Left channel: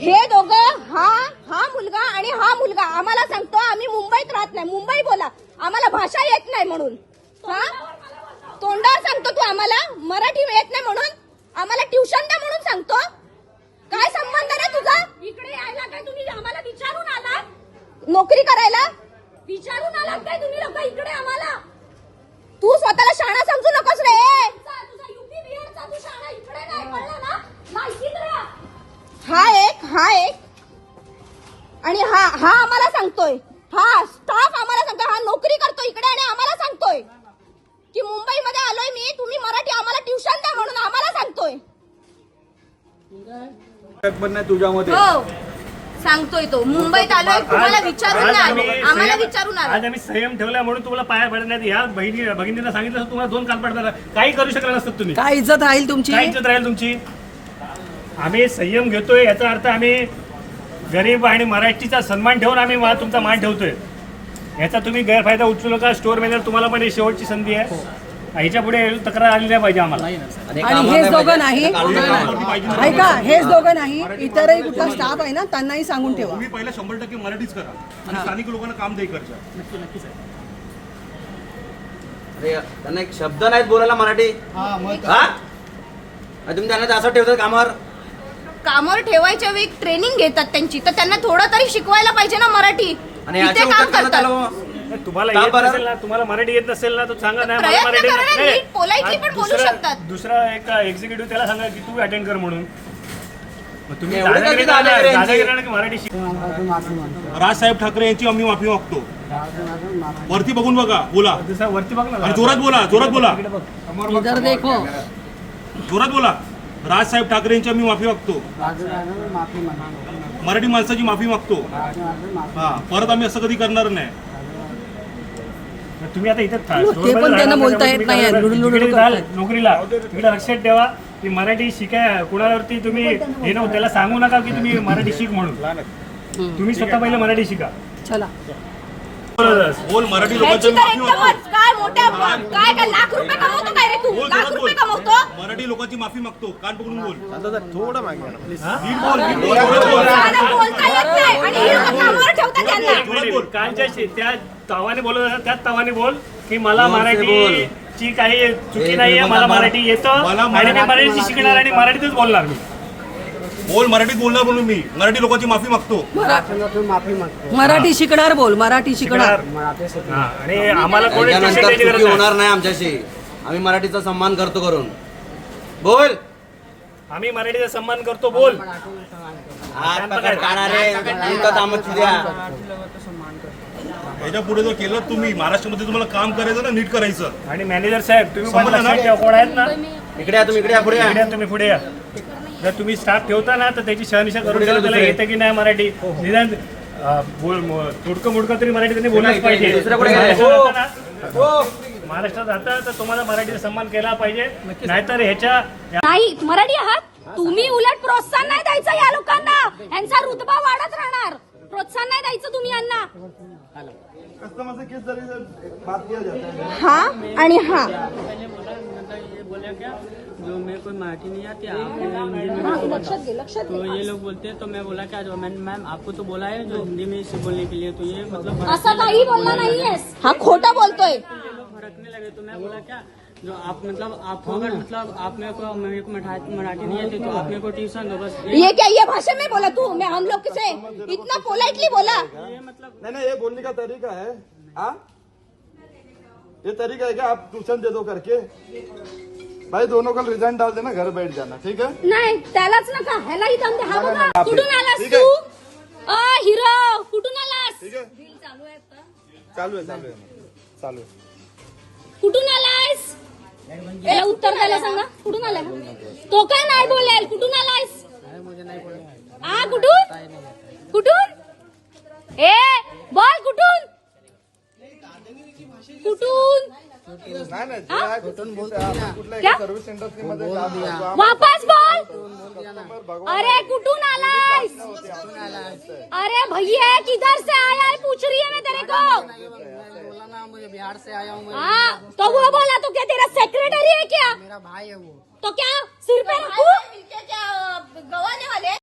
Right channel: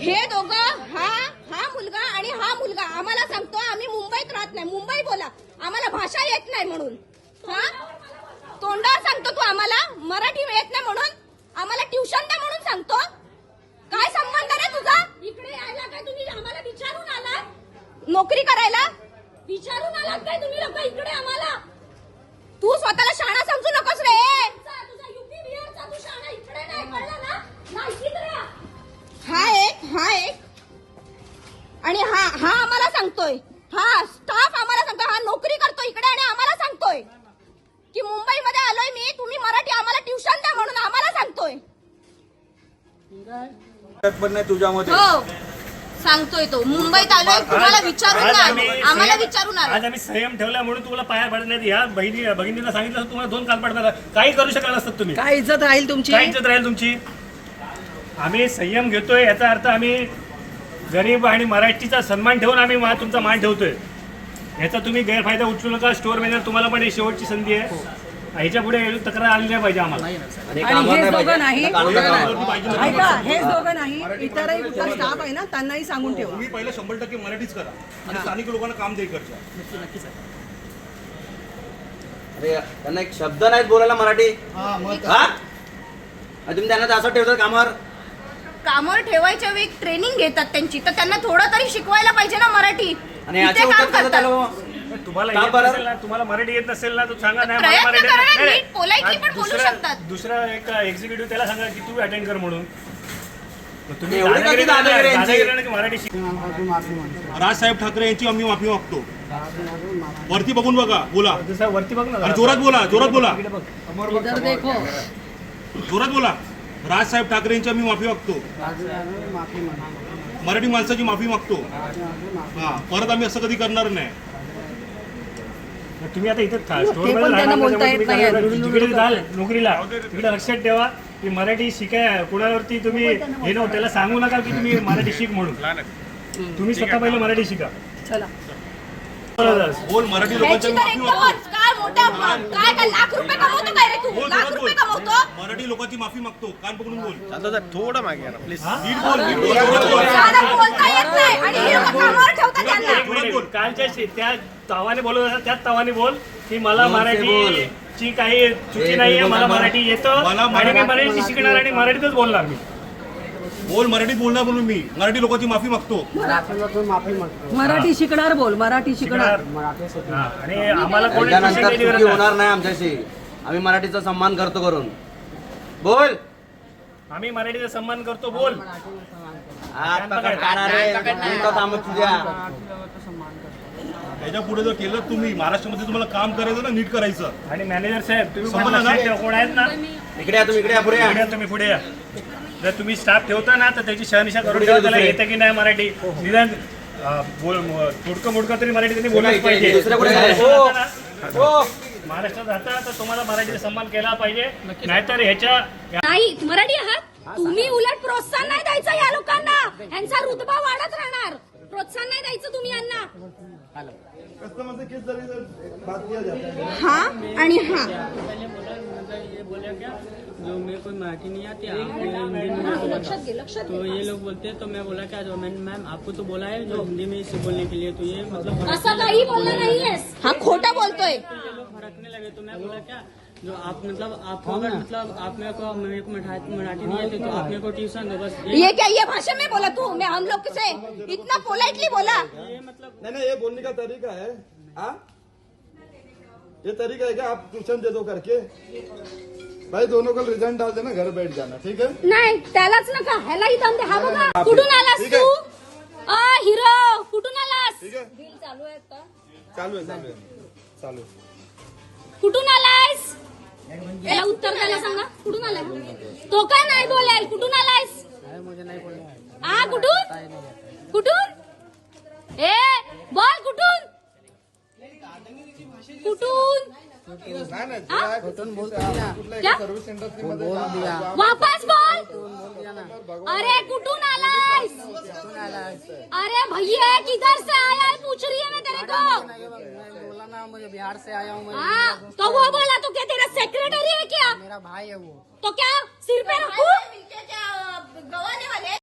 हे दोघं हा मुलगा आणि हा मुलगा आम्हाला सांगतो आम्ही मुंबईत राहत नाही, मुंबई बोला, आम्हाला भाषा येत नाही म्हणून. हा तोंडावर सांगतो तू आम्हाला मराठी येत नाही म्हणून, आम्हाला ट्युशन द्या म्हणून सांगतो. काय संबंध रे तुझा? इकडे यायला काय तुम्ही आम्हाला विचारून आलात? नोकरी करायला विचारून आलात काय तुम्ही लोक इकडे आम्हाला? तू स्वतःला शाळा समजू नकोस रे. तुझा युपी बिहारचा तू शाळा इकडे नाही, कळलं ना? माहितीच रे. हा एक आणि हा आम्हाला सांगतोय, हा स्टाफ आम्हाला सांगतोय, हा नोकरी करतो इकडे आणि आम्हाला सांगतोय की मुंबईमध्ये आलोय मी, तुम्ही मराठी आम्हाला ट्युशन द्या म्हणून आम्हाला सांगतोय. तुझ्यामध्ये हो सांगतोय तो, मुंबईत आलोय तुम्हाला विचारून नाही, आम्हाला विचारून आलो. आज आम्ही संयम ठेवला म्हणून तुम्हाला पाया पडणार. या बहिणीला सांगितलं तुम्हाला 2 काल पडतात, काही करू शकला नसतात तुम्ही. काय इज्जत राहील तुमची? काय इज्जत राहील तुमची? आम्ही संयम घेतोय, याचा अर्थ आम्ही गरीब आणि मराठीचा सन्मान ठेवून आम्ही तुमचा मान ठेवतोय. याचा तुम्ही गैरफायदा उचलू नका. स्टोअर मॅनेजर तुम्हाला पण शेवटची संधी आहे, ह्याच्या पुढे तक्रार आली नाही पाहिजे आम्हाला. आणि हेच दोघं नाही ऐका, हेच दोघं नाही, इतरही कुठला स्टाफ आहे ना, त्यांनाही सांगून ठेवा. तुम्ही पहिला 100% मराठीच करा आणि स्थानिक लोकांना काम दे करता. नक्कीच आहे. अरे त्यांना एक शब्द नाहीत बोलायला मराठी. हा तुम्ही त्यांना असं ठेवतात कामावर ठेवायच्या वेळी ट्रेनिंग घेतात त्यांची, तर त्यांना थोडं तरी शिकवायला पाहिजे ना मराठी. आणि याच्या उलट कसं त्याला तुम्हाला येत नसेल ना, तुम्हाला मराठी येत नसेल ना, तर सांगा नाही मला प्रयत्न करा ना, मराठी. नीट politely पण बोलू शकतात. दुसरा एक एक्झिक्युटिव्ह त्याला सांगा की तू अटेंड कर म्हणून. मग तुम्ही एवढी काय दादागिरी की मराठी शिक. राजसाहेब ठाकरे यांची आम्ही माफी मागतो. वरती बघून बघा, बोला वरती बघ ना, आणि जोरात बोला, जोरात बोला, इधर देखो. जोरात बोला. राजसाहेब ठाकरे यांची आम्ही माफी मागतो, मराठी माणसाची माफी मागतो. हा परत आम्ही असं कधी करणार नाही. तुम्ही आता इथे ते पण त्यांना बोलता येत नाही. नोकरीला इकडे लक्षात ठेवा की मराठी शिकाय कुणावरती तुम्ही हे नव्हतं, त्याला सांगू नका की तुम्ही मराठी शिक म्हणून. तुम्ही स्वतः पहिले मराठी शिका. चला बोल मराठी लोकांची माफी मागतो. काय मोठ्या काय लाख रुपये कमवतो काय रे तू? बोल, लाख जोरात बोल. रुपये कमवतो? मराठी लोकांची माफी मागतो. कान पकडून बोल. थोडं मागे ना प्लीज. नीट बोल, नीट बोल, जोरात बोल. मला बोलता येत नाही आणि हे लोकं कामावर ठेवतात त्यांना. जोरात बोल. कालच्या त्या तावाने बोलत असतात त्याच तावाने बोल की मला मराठीची काही चुकी नाहीये, मला मराठी येतो आणि मी मराठी शिकणार आणि मराठीतच बोलणार मी. बोल मराठीत बोलणार म्हणून मी मराठी लोकांची माफी मागतो. मराठी शिकणार, बोल मराठी शिकणार. हा, आणि आम्हाला कोणी त्याच्यानंतर शिकण्याची चुकी गरज नाही. होणार नाही आमच्याशी. आम्ही मराठीचा सन्मान करतो करून. बोल. आम्ही मराठीचा सन्मान करतो. बोल. हात पकड काढा रे, इथं थांबत द्या. याच्या पुढे जर केलं तुम्ही महाराष्ट्रामध्ये तुम्हाला काम करायचं ना, नीट करायचं. आणि मॅनेजर साहेब तुम्ही समजलं मला ना? लक्षात ठेवा, कोण आहेत ना, इकडे या तुम्ही, इकडे या, पुढे या. पुढे या, तुम्ही पुढे या. जर तुम्ही स्टाफ ठेवता ना तर त्याची शहानिशा करून पुढे ठेवा, गेले त्याला दुसरे. येते की नाही मराठी. निदान तोडकं मोडकं तरी मराठी त्यांनी बोललंच पाहिजे. दुसऱ्या पुढे महाराष्ट्रात गेले. जाता ना, महाराष्ट्रात जाता तर तुम्हाला मराठीचा सन्मान केला पाहिजे. नाहीतर ह्याच्या नाही मराठी आहात तुम्ही, उलट प्रोत्साहन नाही द्यायचं या लोकांना. यांचा रुतबा वाढत राहणार. प्रोत्साहन नाही द्यायचं तुम्ही यांना. हा आणि हा पहले बोला, मतलब ये बोला क्या जो मेरे को मराठी नहीं आती आप हिंदी में मेरे को बताओ. तो ये लोग बोलते हैं, तो मैं बोला क्या जो मैम आपको तो बोला है जो हिंदी में इसे बोलने के लिए, तो ये मतलब असं काही बोलला नाहीये. हा खोटा बोलतोय. ये लोग भड़कने लगे. तो मैं बोला क्या जो आप मतलब आप अगर मतलब आप मेरे को मराठी नहीं आती तो आप मेरे को ट्यूशन दो बस. ये क्या ये भाषा में बोला तू? मैं हम लोग से इतना पोलाइटली बोला. ये मतलब नहीं ये बोलने का तरीका है. हाँ ये तरीका है क्या आप ट्यूशन दे दो करके. भाई दोनों कल रिजाइन डाल देना, घर बैठ जाना. ठीक है. नाही त्यालाच नका, ह्यालाही दम दे. हा बघा कुठून आलास तू? हिरो कुठून आलास? चालू आहे चालू आहे. कुठून आलायस? याला उत्तर द्यायला सांगा. कुठून आलाय? तो काय नाही बोलेल. कुठून आलायस? मुझे नहीं बोला. हा कुठून कुठून ए बोल कुठून कुठून क्या सर्व्हिस इंडस्ट्रीमध्ये वापस बोल. अरे कुठून आलायस? अरे भैया किधर से आया है पूछ रही है मैं तेरे को. बोला ना मुझे बिहार से आया हूँ. हाँ तो वो बोला तो क्या तेरा सेक्रेटरी है क्या? मेरा भाई है वो. तो क्या सिर पे रखूं? गवाने वाली